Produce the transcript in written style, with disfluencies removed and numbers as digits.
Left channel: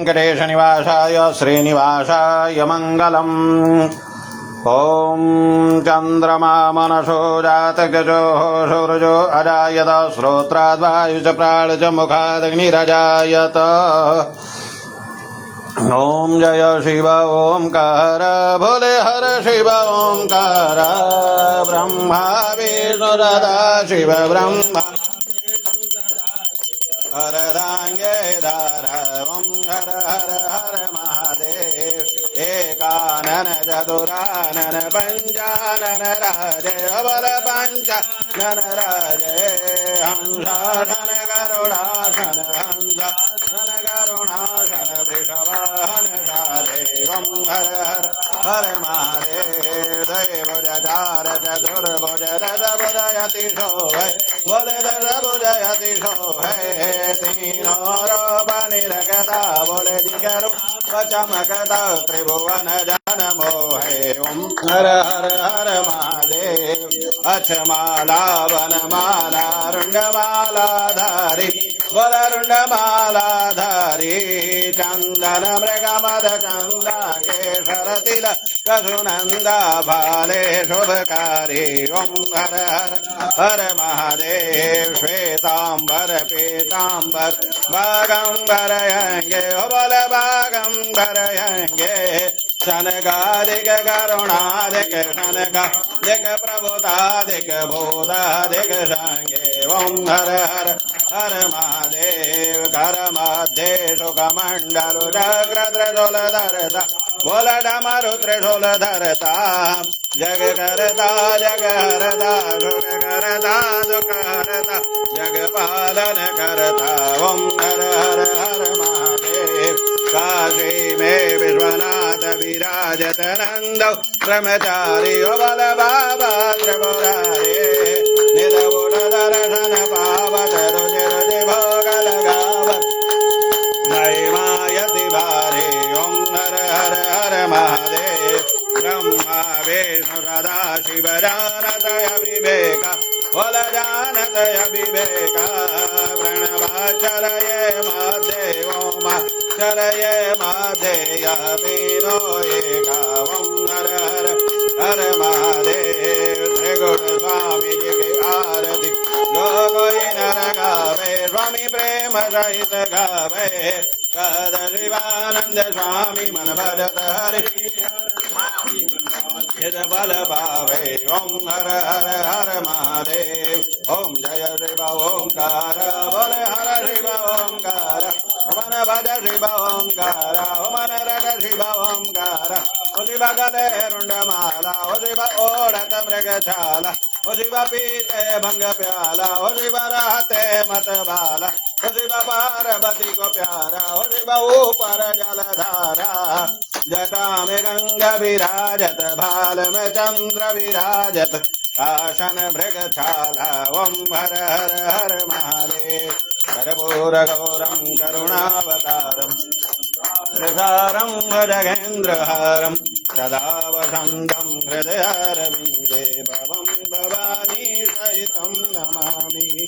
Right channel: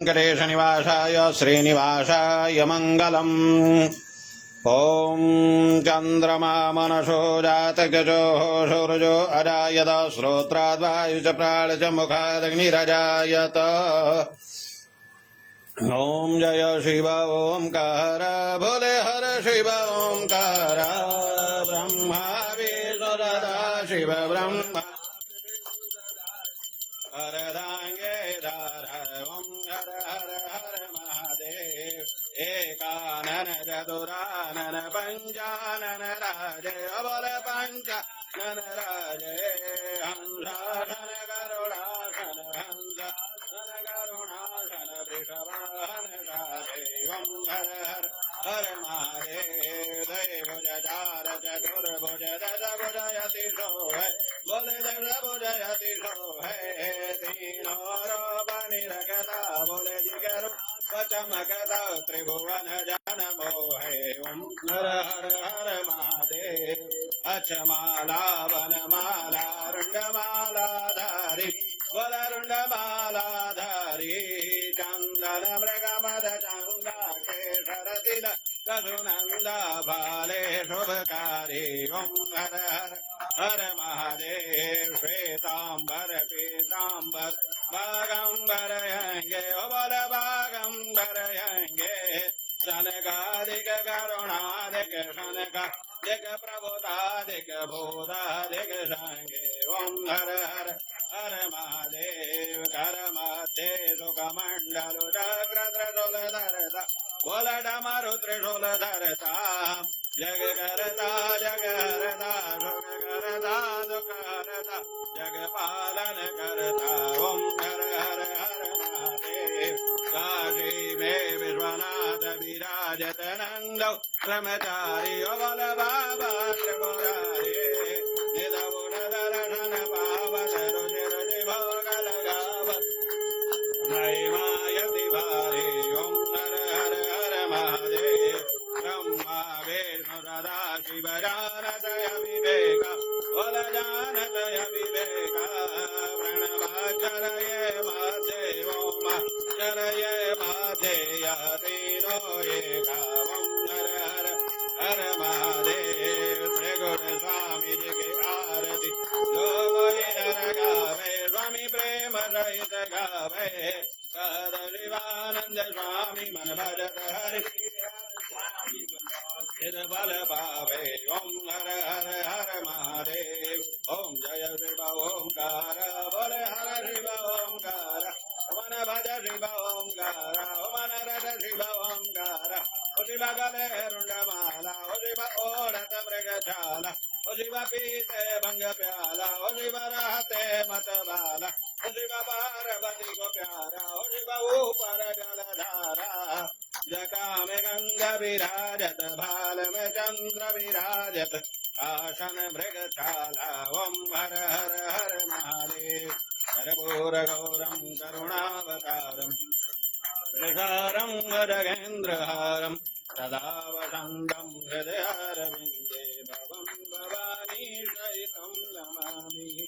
वेङ्कटेशनिवासाय श्रीनिवासाय मङ्गलम्। ॐ चन्द्रमा मनसो जातगजोः सूरजो अजायत श्रोत्राद्वायुच प्राणच मुखादग्निरजायत। ॐ जय शिव ओंकार भोले हर शिव ओंकार ब्रह्मा विष्णु सदा शिव ब्रह्मा हरदांगे धार ओं हर हर हर महादेव एकानन चतुरानन पंचानन राजे बल पंचानन राजे हंसासन करुणासन हंसासन करुणासन वृषवाहन देवं हर हर हर महादेव दैवज चार चतुर्भुज दशभुज यतिशो है बोले दशभुज है तीनों रूप निरखता बोले जिगरु चमकता त्रिभुवन जन मोहे ओम हर हर हर महादेव अक्षमाला वनमाला रुंडमाला धारी बोल रुंडमाला धारी चंदन मृगमद चंदा केसर तिलक कसुनंदा भाले शुभकारी ओम हर हर हर महादेव श्वेतांबर पीतांबर बागंबर यंगे बोल बागंबर यंगे शनकादिक करुणादिक शनकादिक प्रभुतादिक भूतादिक संगे ओम हर हर हर महादेव कर मध्य सुखमंडलु चक्र त्रिशूल धरता बोल डमरु त्रिशूल धरता जग करता जग हरता सुख करता दुख हरता जग पालन करता ओम हर हर हर महादेव काशी में विश्वनाथ विराजत नंद ब्रह्मचारी बल बाबा त्रिपुरारी निरवुर दर्शन पावत रुचि रुचि भोग लगावत महिमायति भारी ओम हर हर हर महादेव ब्रह्मा विष्णु सदा शिव जानतय विवेक बोल जानतय विवेक प्रणवाचरये महादेव चरये महादेय तीनो एका ओम हर हर हर महादेव श्री गुरु स्वामी जी की आरती जो कोई नर गावे स्वामी प्रेम सहित गावे कद शिवानंद स्वामी मन भजत हरि बल पावे ओम हर हर हर महादेव ओम जय शिव ओंकार बोले हर शिव ओंकार मन भज शिव ओंकार मन रज शिव ओंकार ओ शिव गले रुंडमाला ओ शिव ओढ़त मृगशाला ओ शिव पीते भंग प्याला ओ शिव रहते मत बाला ओ शिव पार्वती को प्यारा ओ शिव ऊपर जलधारा जटा में गंगा विराजत भाल में चंद्र विराजत आसन मृगशाला ओम हर हर हर महादेव कर्पूर गौरम करुणावतारम त्रिसारं भजगेन्द्रहारं सदा वसन्तं हृदयारविन्दे भवं भवानी सहितं नमामि।